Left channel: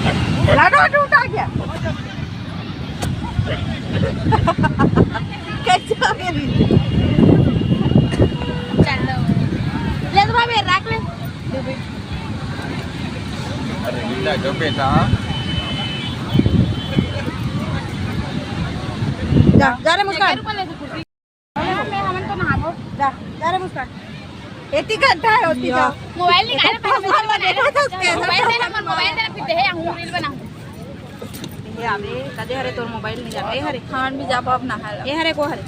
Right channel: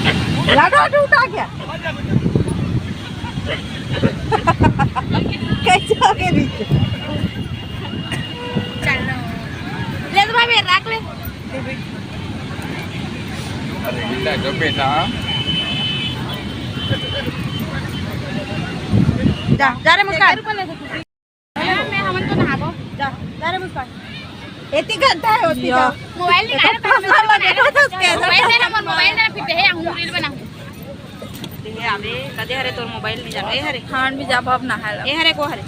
उठा गया कैसे हो गया नीचे चलो ले तो भाई रख ले अरे बेटा जो बेटा जा रे मुस्कान मैं हमन तो नहाबो जा रे मुस्कान एती घंटा है ओती का मोबाइल निकाल मोबाइल ना फिर दे हम रील बनाऊ दे आवे कदे हरे तोर मोबाइल नहीं जानो ए हरे खान भी जा पाप नहाए ए हरे को हरे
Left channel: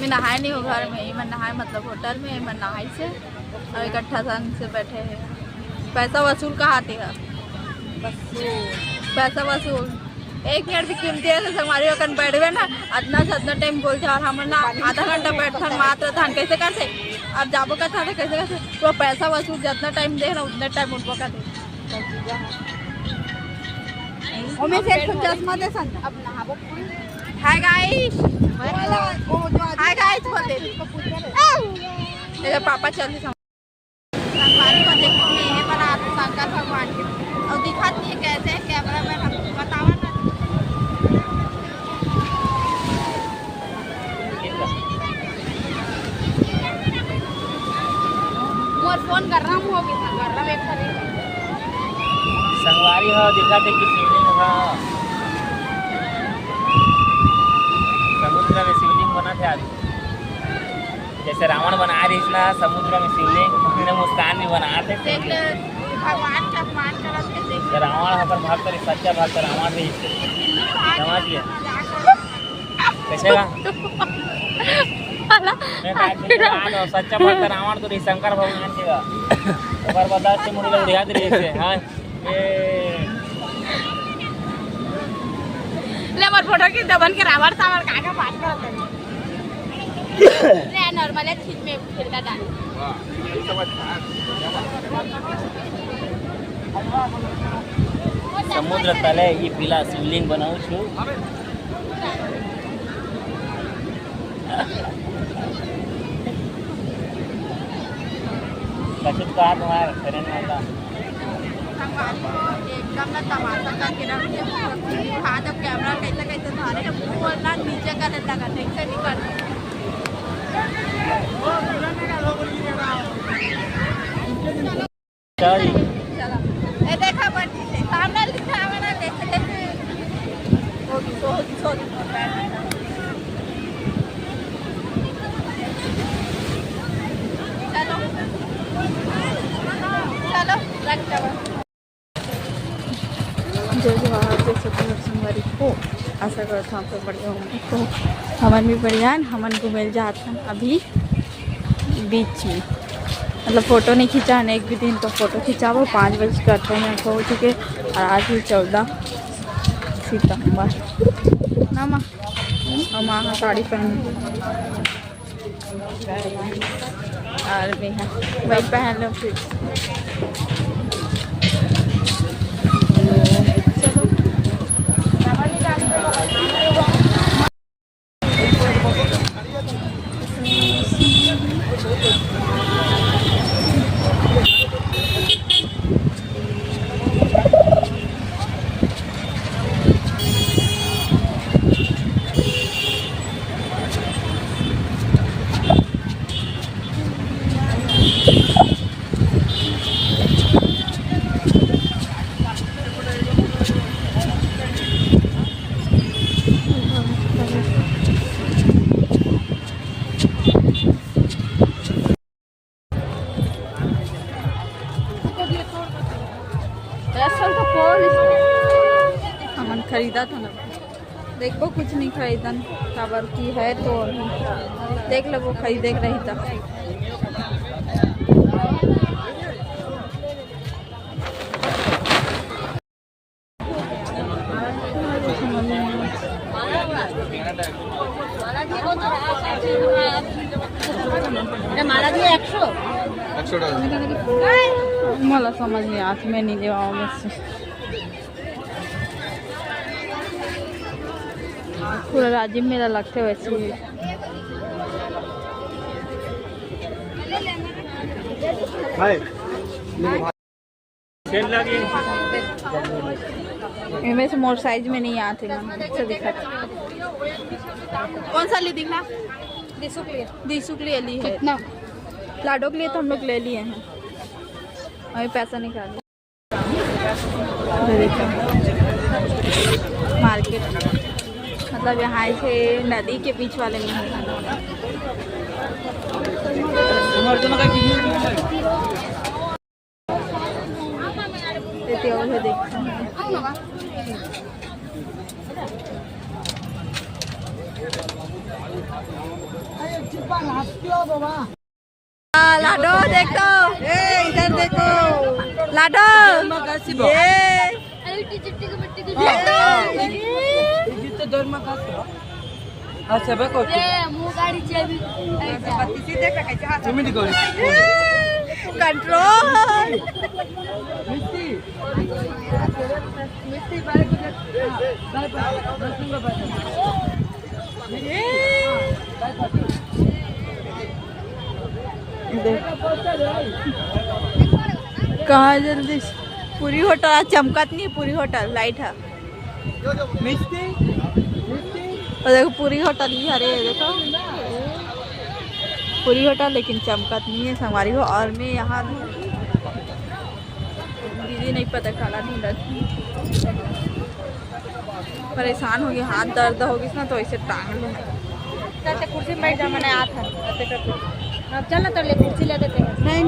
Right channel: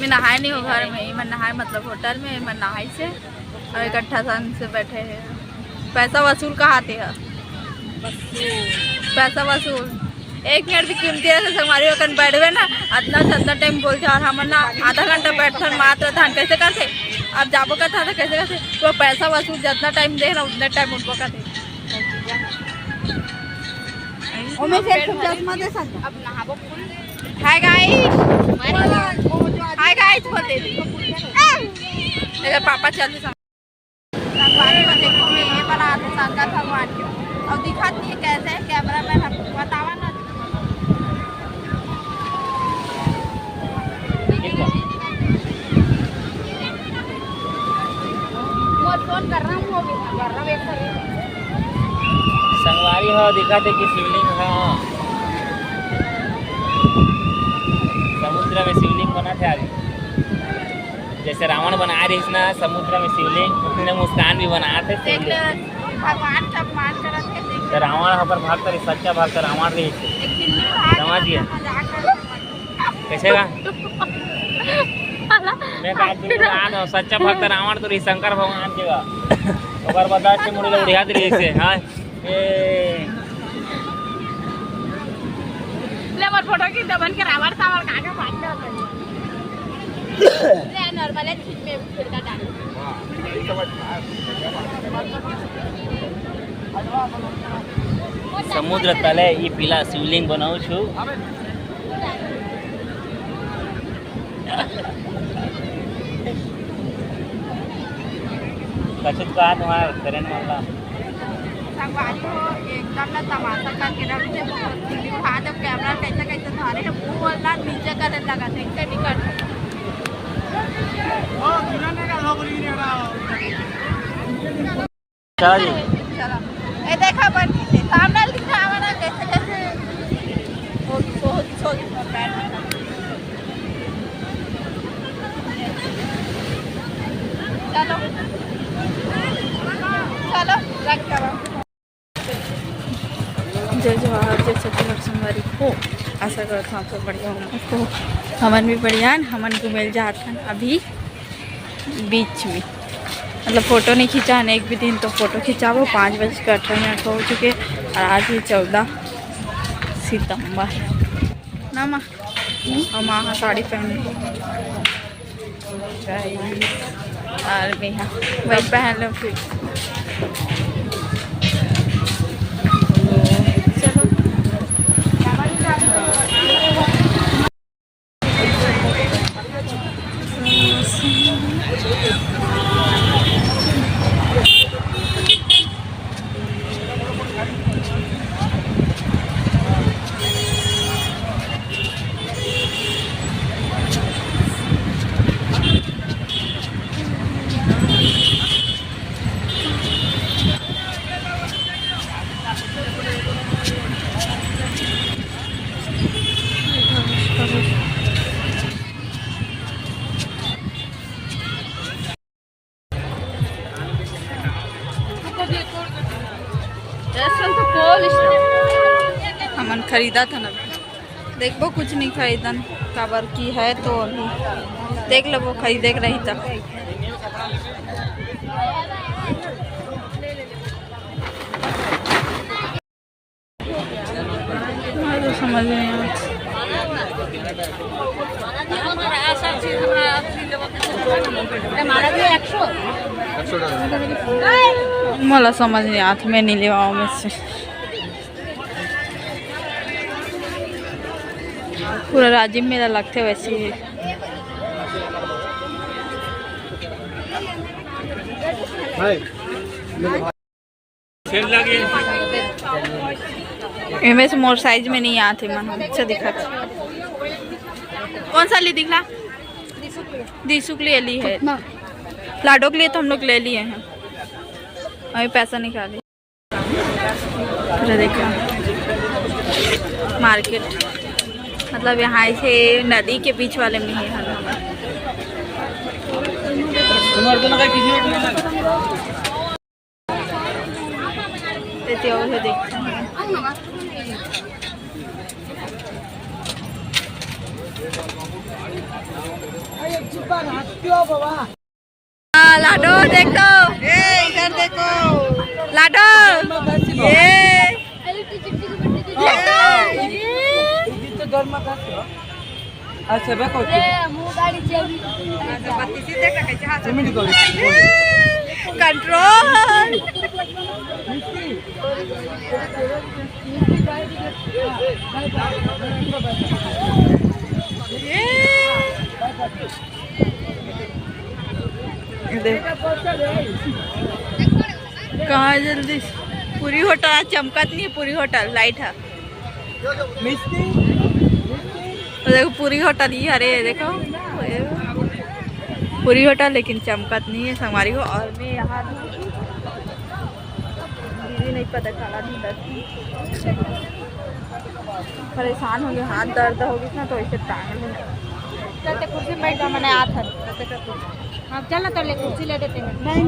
मैं नहाए नहीं हूँ घर में ही मैं नहाए मतलब होटल में मैं नहाई से और इकट्ठा संग से बैठे हैं पैसा वसूल कहाँ थे पैसा वसूल 1 मिनट भी कीमती है हमारी वकन बैठवे ना अदना से अदना टाइम बोलते और हम ना आधा घंटा बैठन मात्र धान कैसे करते अब जाबो का था तो कैसे करते वो पैसा वसूल जितना टाइम दे ना उतना टाइम उठबो करते अब नहाबो हाय गाइस हाय गाइस बोल दे अगर पापा चलते संगवारी को देखो मैं ये बना तो शंकर भगवान के और दिखाती है कैसे कैमरा मैन हम बतावा ना मोर फोन कर रहा हूँ वो भी कर रहा वेट कर रही संगवारी हो दिखाते कि शिवलिंग हो समुद्र में शिवलिंग बना थे आज जैसे रावण बना रही ना समुद्र में शिवलिंग उसने मुस्कान भी बनाए थे भगवान का मान करते तो रावण होकर भाग कर सच्चा भाग कर रावण रही समझ गया कैसे का मैं बात बोल सच्चा भक्त रावण तो रही शंकर भगवान के का और बर्दाश्त से मुड़ी उड़िया दे से हां ले मोर फोटो की दबन के रावण सावर काका बात कर रे नॉर्मल है ठीक में खेलता डाल समुद्र तले ई पीला शिवलिंग बनाऊ छु कछुत का तुम्हारा ट्रेन वाला संगवारी हो एकदम ना तमाशा करके रख दे मुखी उठा जब कैमरा कैसे कैसे धरे है वो वाला नीचे करने लगा था इससे नहीं कर चलो ए देखा बनी से सामने लिखा वाला जैसे जैसे होगी सो बैठ चलो चलो रख दो जय जवाहर जय छत्तीसगढ़ संगवारी हो आशा करता हूँ आप सब बढ़िया हो तो हमन भी बढ़िया हमन को मिल जाते हैं अभी बीच में मतलब फ़ोटो नहीं खींचा है एक भी दिन तो फ़ोटो खिंचावो 5:18 हो चुके और आज ही 14 सितंबर ना माँ और माँ साड़ी पहनी और भैया वही पहन लो फिर हमन खरीदा था ना देखो कुछ नहीं खरीदन खबर की है तो नहीं देख लो वो खरीदे रही था तो समझ नहीं मला समझ नहीं हाथ में नहीं लेवाओ में से पूरा राजीव मेला लगते वैसे ही सेल लगी इनमें से मोर साइज में नहीं आते मन अच्छा दिखा। कौन सा ली दिखला? दीसू के लिए ली है। लाडो के लिए तो हम लोग ले लिए हैं, अभी पैसा निकाले। अरे देखा मार्केट, मतलब यहाँ से नदी के बीच वाले में है देखते हैं। लाडो देखो, इधर देखो लाडो, ये कंट्रोल। कहाँ जल्दी पूरी होटल चमकत नहीं है, पूरी होटल लाइट है। और देखो पूरी होटल ही अरे देखो पूरी होटल, लेकिन चमकत नहीं है हमारी को। और मैं यहाँ दीदी नहीं पता काला नहीं बस परेशान हो गई, हाथ दर्द हो गई ना तो ऐसे टांग लो। कुर्सी में बैठ जा, मैंने आप चल ना तो ले कुर्सी ले देते हैं। नहीं